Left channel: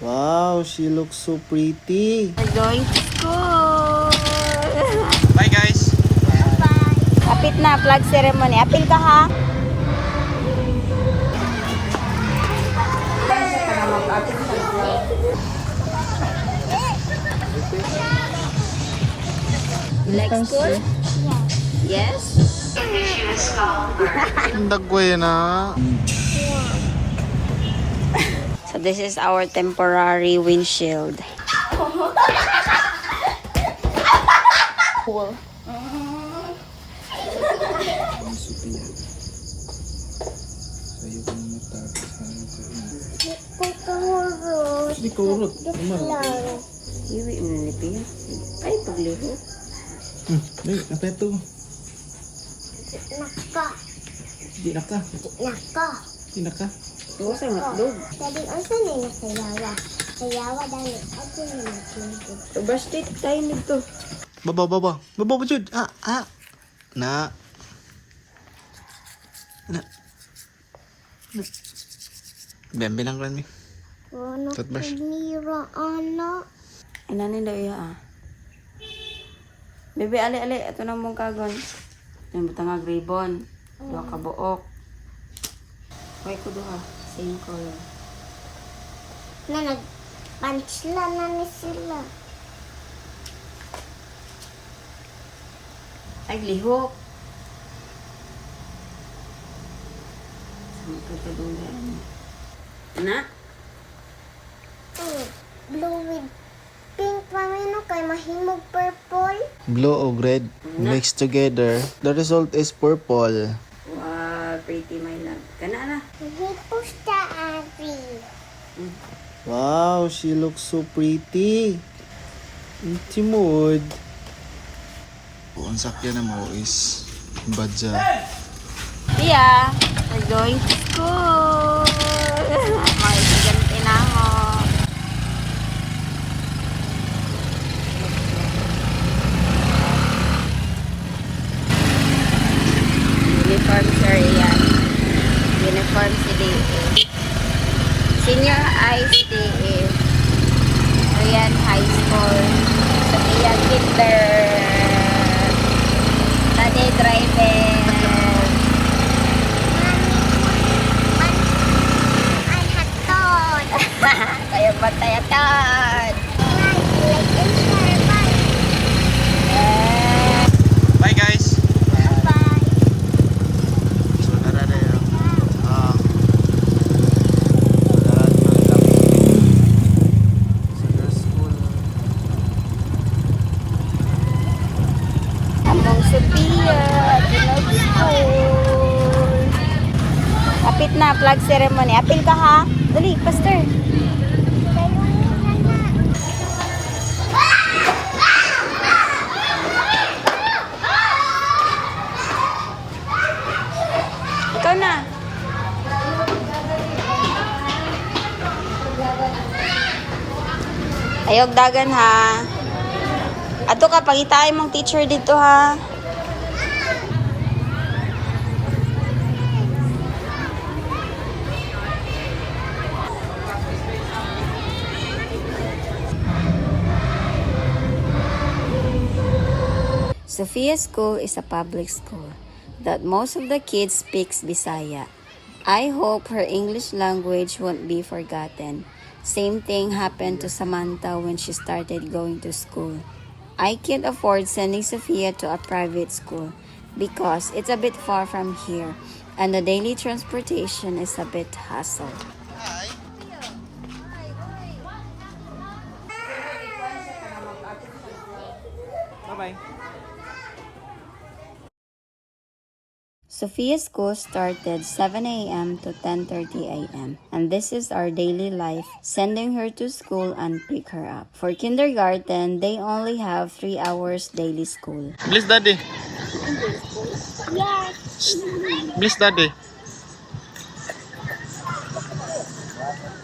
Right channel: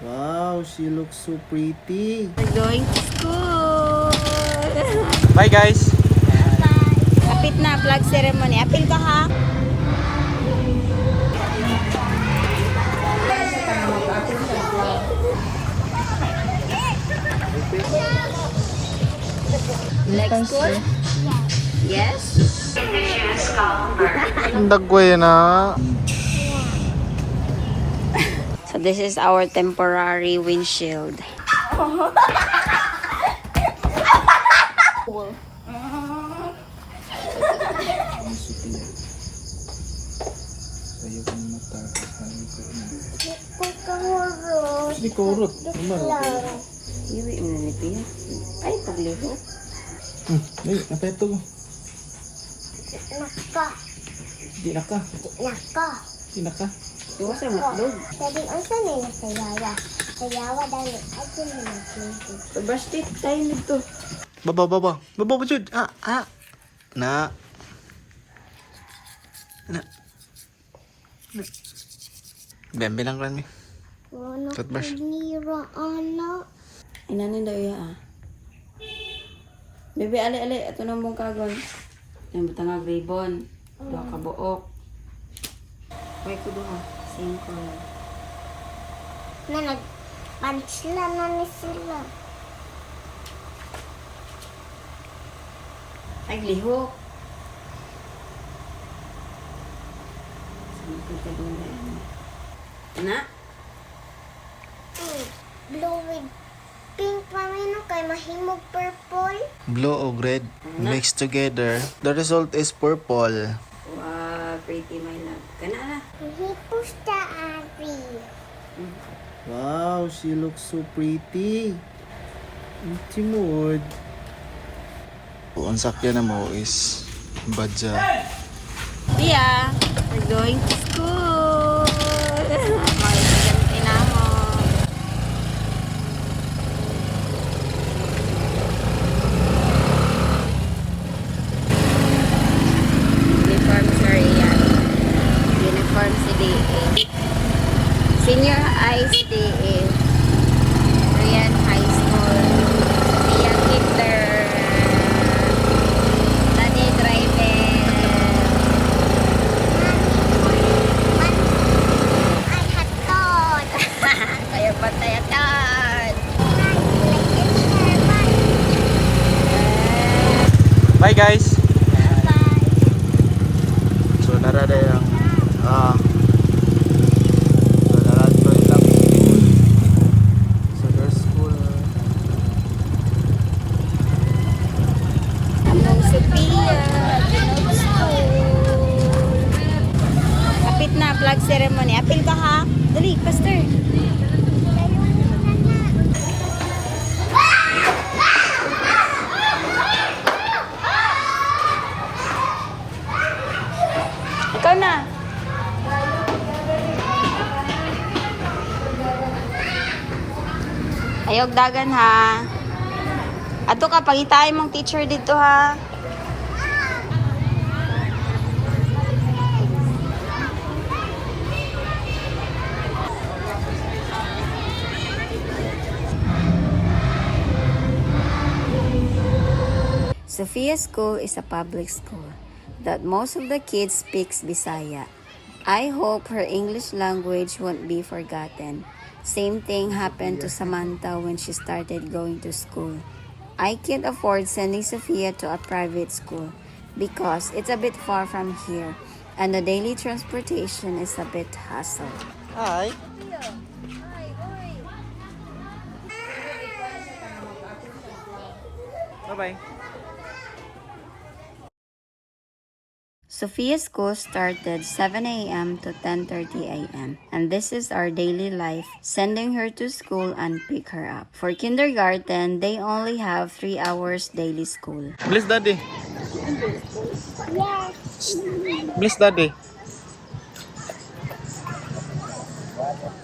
Wow, she looks so pretty. We're going to school. Bye guys. Bye. Kapit na, flag ceremony. Apil ka ha? You like school? Yes? Dagway na. So this is our temporary windshield. Di kurot. Iwi mo na nipiya. Ay, pagliho. Ay, apa ito? Naka. Di na ka. Naka. Di na ka. Iwa sa matlog. Tadi unsa na na sayawa. Sayawa dali. Ato na nagluto. Bastit tayo nito. Baba, baba. Baba, bujud. Na. Na. Bembe lang rin eh. Ano Toothbrush. nira ana. Inanin daw iya Bebe, ali. Ito na mong kagon. Yung butang ribbon. Dua ka buok. May ko duha. Same color. Na nagpanchla na ni sila. Ay, lihok. Saan ka tagulan? Na? Blue with pink pamino kay mahimog purple. Blue o red mixed together. The result is purple. Wow, pretty my love. Kana na. Hipos ta abi. Wow, she looks so pretty. Timod. Ang sakyan na mo is badja. Tia, we're going to school. May estudyante na mo. Uniform si Rian. Uniform si DA. Senior high si DA. Rian High School. Sophia Kinder. Nanay driving. Ay haton. Kaya patayatan. Like and share bye. Bye guys. Bye. So narada yung Among Sophia, Kinog School. Kapit na, flag ceremony. Apil ka ha? Dali, pastor. Ikaw na. Ayog dagan ha. Ato ka, pangitaay mong teacher dito ha. Sophia School is a public school that most of the kids speaks Bisaya. I hope her English language won't be forgotten. Same thing happened to Samantha when she started going to school. I can't afford sending Sophia to a private school because it's a bit far from here and the daily transportation is a bit hassle. Hi. Bye-bye. Sophia School started 7 a.m. to 10:30 a.m. and this is our daily life, sending her to school and pick her up. For kindergarten, they only have 3 hours daily school. Bless daddy. Yes. Bless daddy.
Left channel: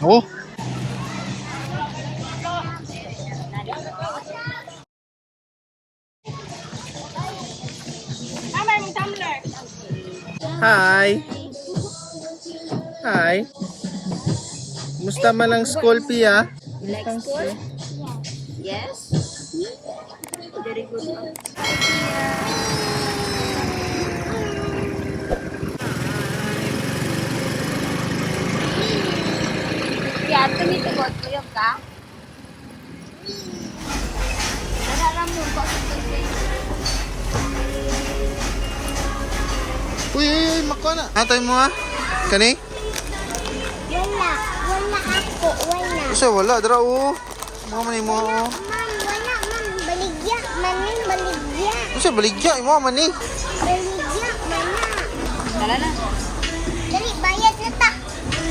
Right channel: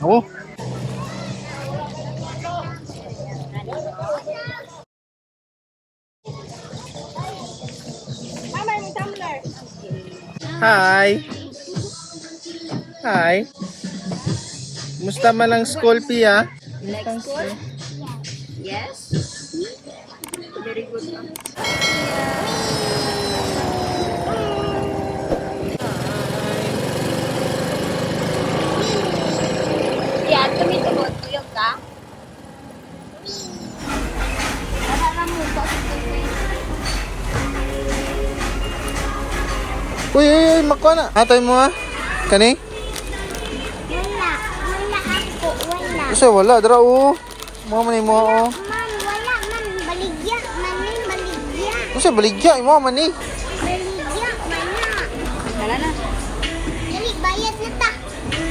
Oh. Hi. Hi. Musta man ang school, Pia? You like school? Yes? Very good. Yan, tumitugot. Tuyog ka? Nararam mo ko sa Uy, makuha na. Atay mo ha? Kani? Wala. Wala ako. Wala. Isa wala, dara o. Mga manay mo o. Man, wala man. Baligya. Manin, baligya. Isa baligya, imo man ni. Baligya, mana. Tala na. Dali, bayad na ta.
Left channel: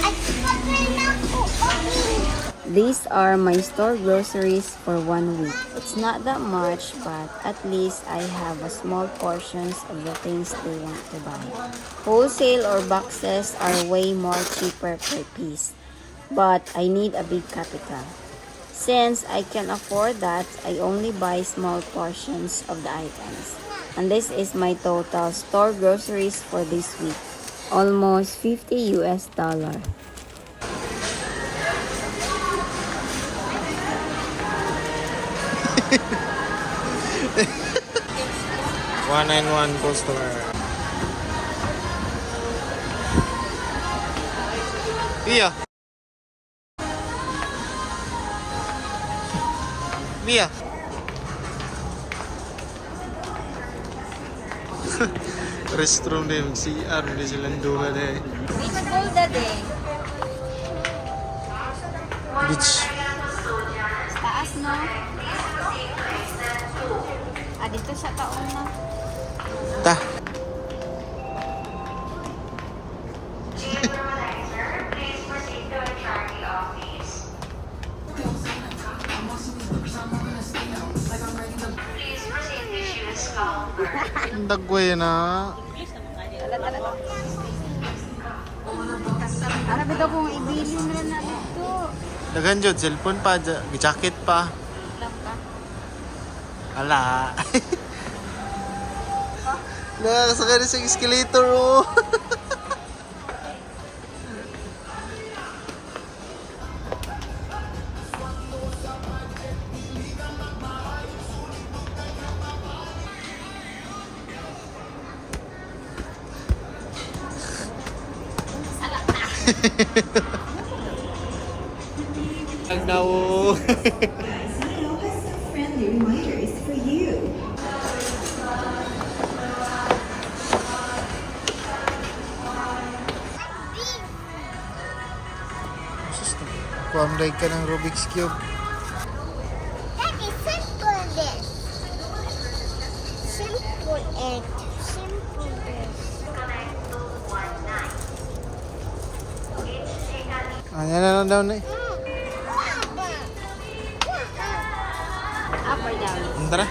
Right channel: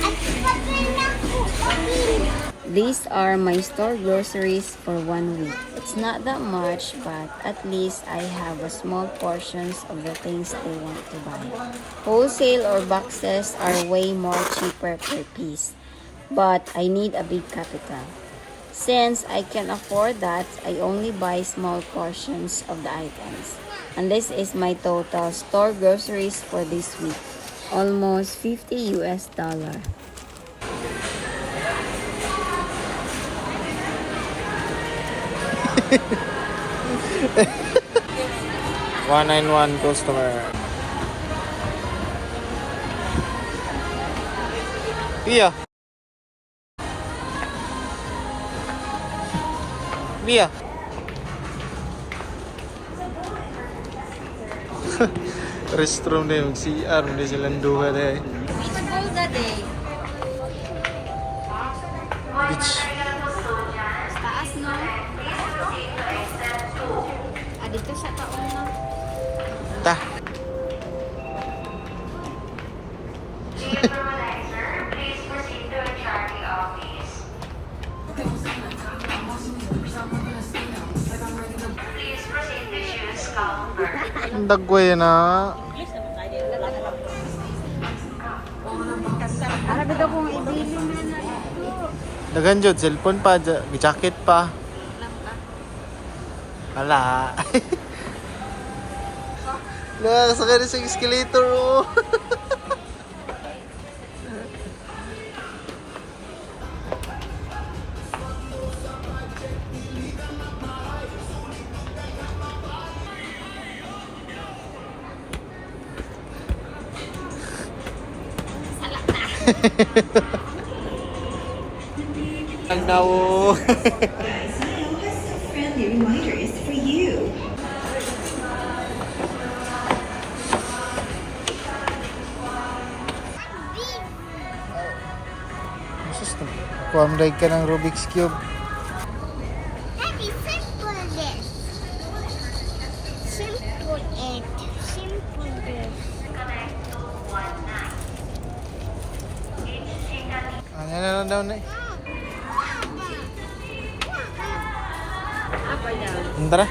At papel na ako. Okay. These are my store groceries for 1 week. It's not that much, but at least I have a small portions of the things they want to buy. Wholesale or boxes are way more cheaper per piece, but I need a big capital. Since I can afford that, I only buy small portions of the items. And this is my total store groceries for this week. Almost $50 US. 191 customer. Pia. Pia. Restroom din, CR, hindi silang duha dahil. Beach ball that day. Beach. Taas, no? Dito sa taon na. Ta. Ang dagway na. Ara bitaw kung ibilin na na dito. Dagan jud cellphone pa, jacket pa. Ala. Nakakasakay na sa escalator oh. Ang nawo. Friendly reminders for you. Kuamday ka ng Rubik's Cube. Daddy, simple this. Simple and simple this. Ayan na lang daw na. Up or down? Tara.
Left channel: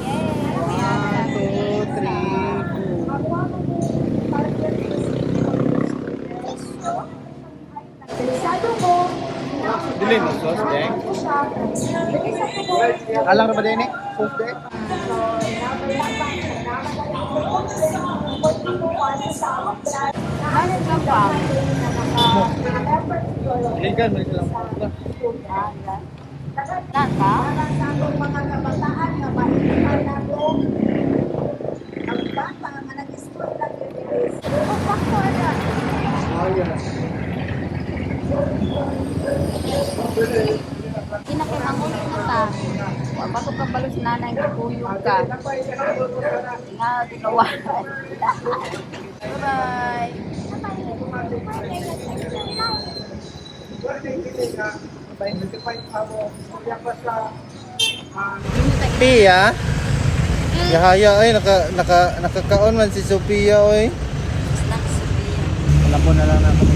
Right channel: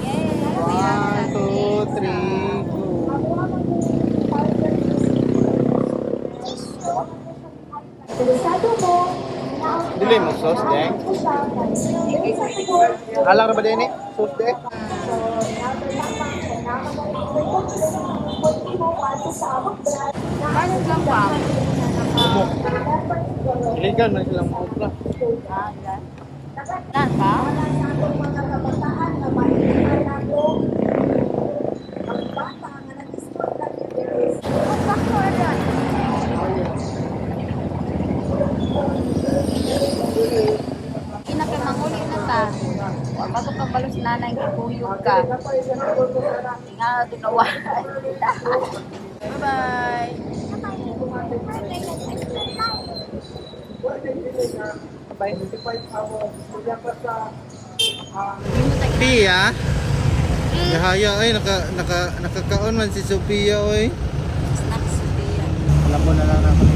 Yay! We have 1, 2, 3, 4. Dili mo sauce deng. Alang ra ba din eh? Sauce deng. Bakit lang pa? Iligan man silang mga Ah, yan. Nan ka? Ina kay manguli na ta. Wa pa to ka balos nanay gikuyog ka. Tinga tinawa. Bye-bye. Pia. Yahaya ay nakakaon man si Sophia oy. Snack Sophia. Alam mo na lang na kami.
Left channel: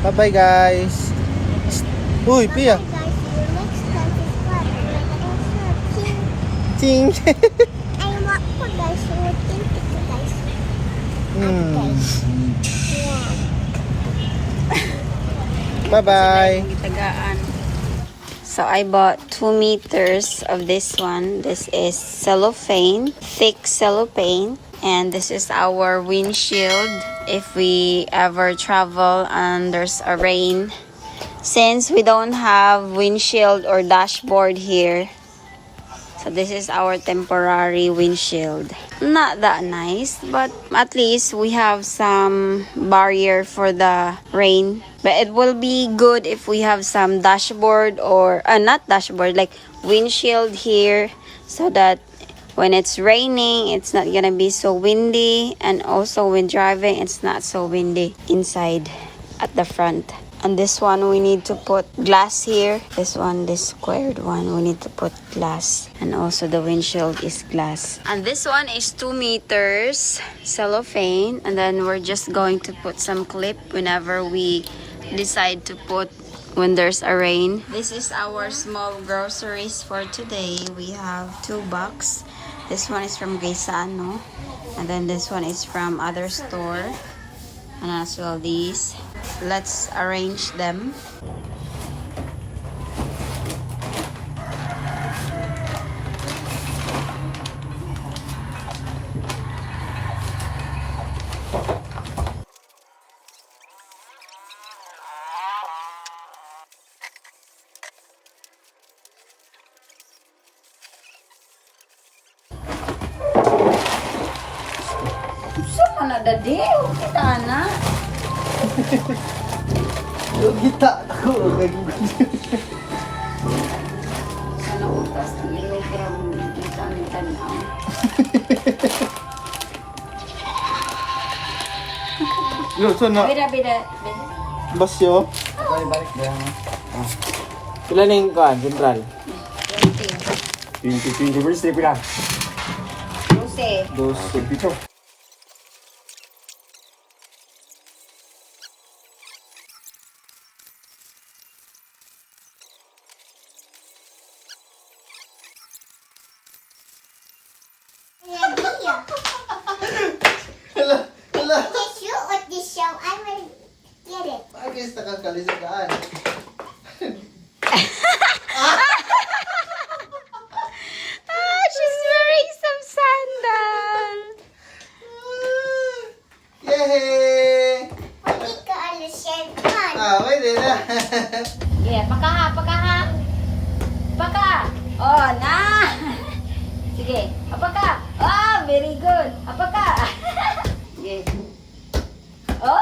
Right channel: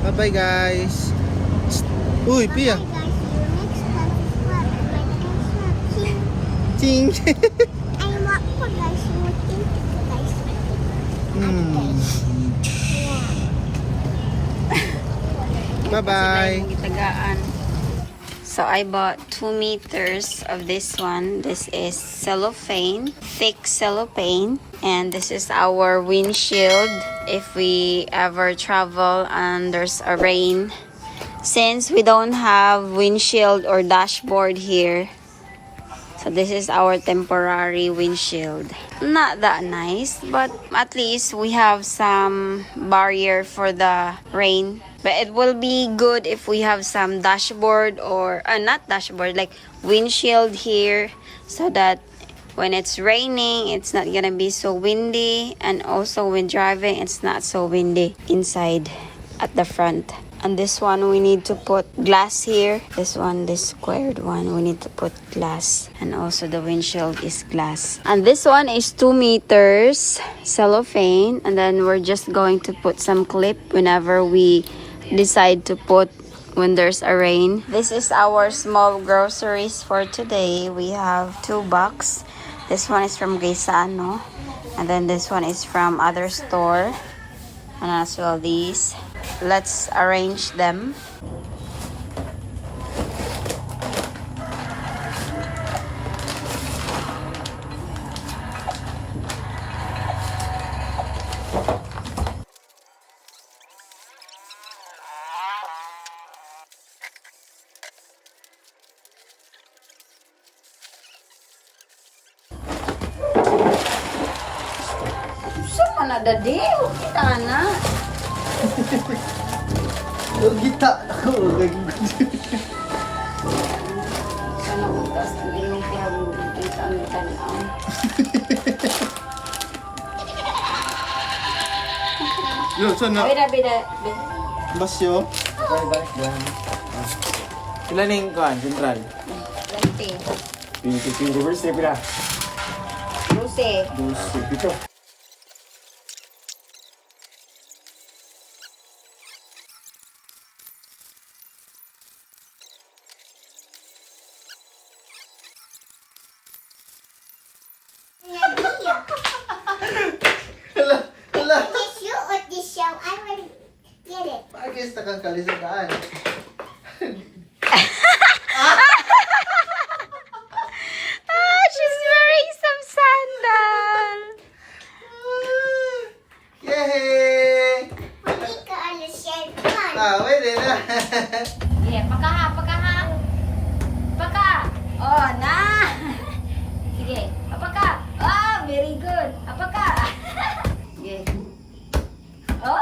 Bye bye guys. Uy, Pia. Guys, your next time is what? Ting. I want po guys. What think it guys? Yeah. Bye bye. Itagaan. So I bought 2 meters of this one. This is cellophane, thick cellophane. And this is our windshield if we ever travel and there's a rain. Since we don't have windshield or dashboard here, so this is our temporary windshield. Not that nice, but at least we have some barrier for the rain. But it will be good if we have some dashboard or not dashboard, like windshield here, so that when it's raining, it's not gonna be so windy, and also when driving, it's not so windy inside at the front. And this one, we need to put glass here. This one, this squared one, we need to put glass. And also the windshield is glass. And this one is 2 meters cellophane. And then we're just going to put some clip whenever we decide to put when there's a rain. This is our small groceries for today. We have 2 boxes. This one is from Gaisano. And then this one is from other store. And as well these. Let's arrange them. Saan na dadi? Kita na. Kita ako. Sana utas ang ilo para kita ang tanaw. Yo, so na. Bida. Basyo. Balik na. Kailan na yung kaan? Central? 20. 20 verse 3 pila. 12. 12 pito. This you or this show? I will get it. Agis na kang kalisigaan. She's wearing some sandal. Yay! Hindi ka alas yan. Come on. Pwede na. Yeah, paka. Paka. Oh, na. Sige, apaka. Oh, very good. Apaka. Sige. Oh.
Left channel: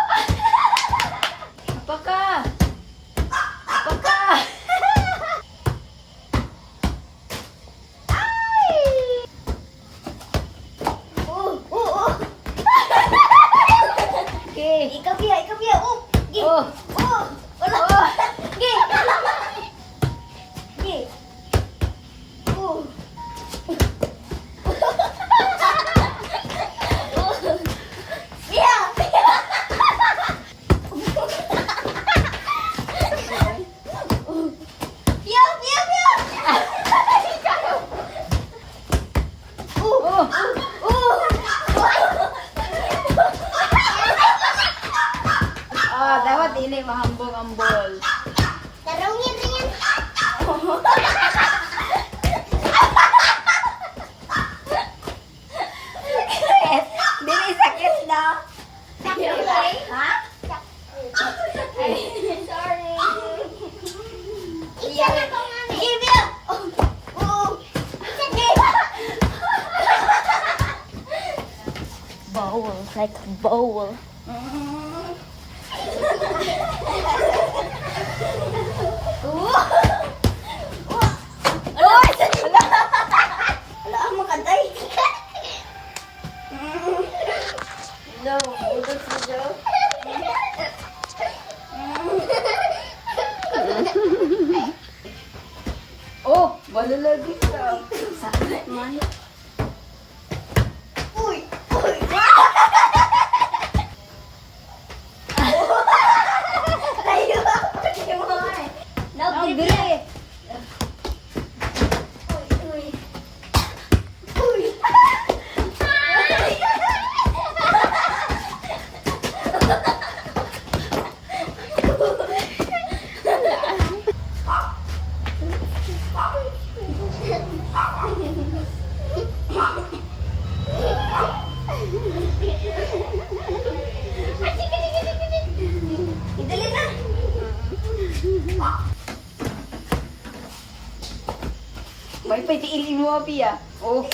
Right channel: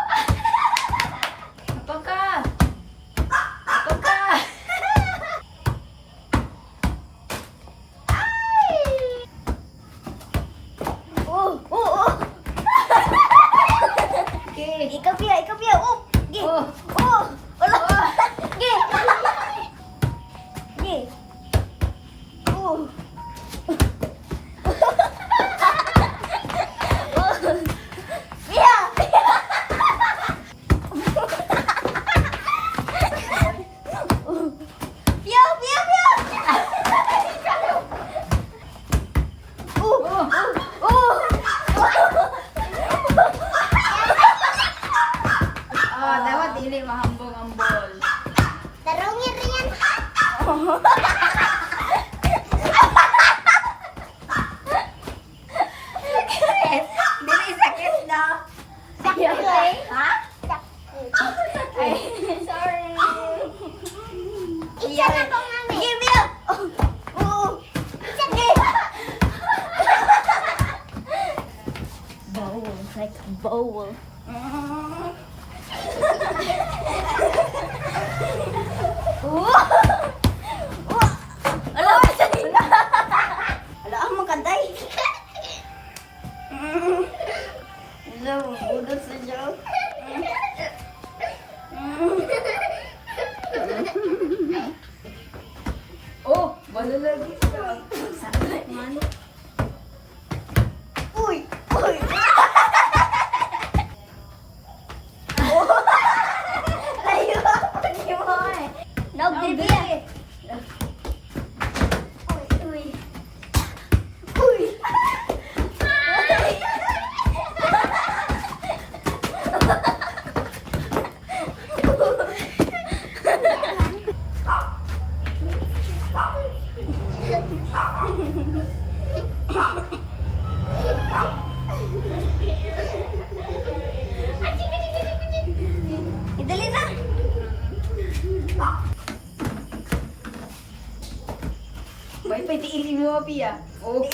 Apaka. Okay. Ikaw biya. Oh. Gi. Oh. Oh. Wala. Oh. Gi. Gi. Oh. Biya. Biya. Oh. Oh, dapat hindi mahambog-ambol. Tarungin rin yan. Hindi sakit na. Okay. Ha? Sorry. Isa na ko nga. Gi, biya. Oh. Isa, gi. Bowl, like a bowl. Ala, ang magantay. No, udot sa jaw. Oh, balalagi ka. Sakit man. Uy. Layo. ipatiilin mo, Pia. Oh.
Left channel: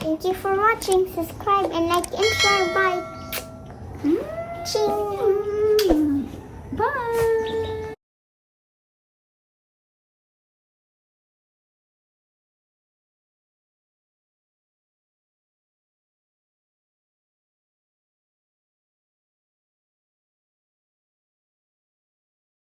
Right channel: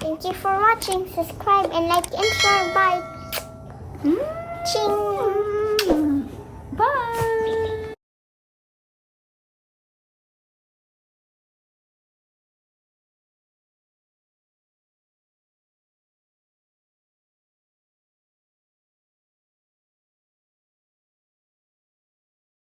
Thank you for watching. Subscribe and like and share. Bye. Ching. Bye.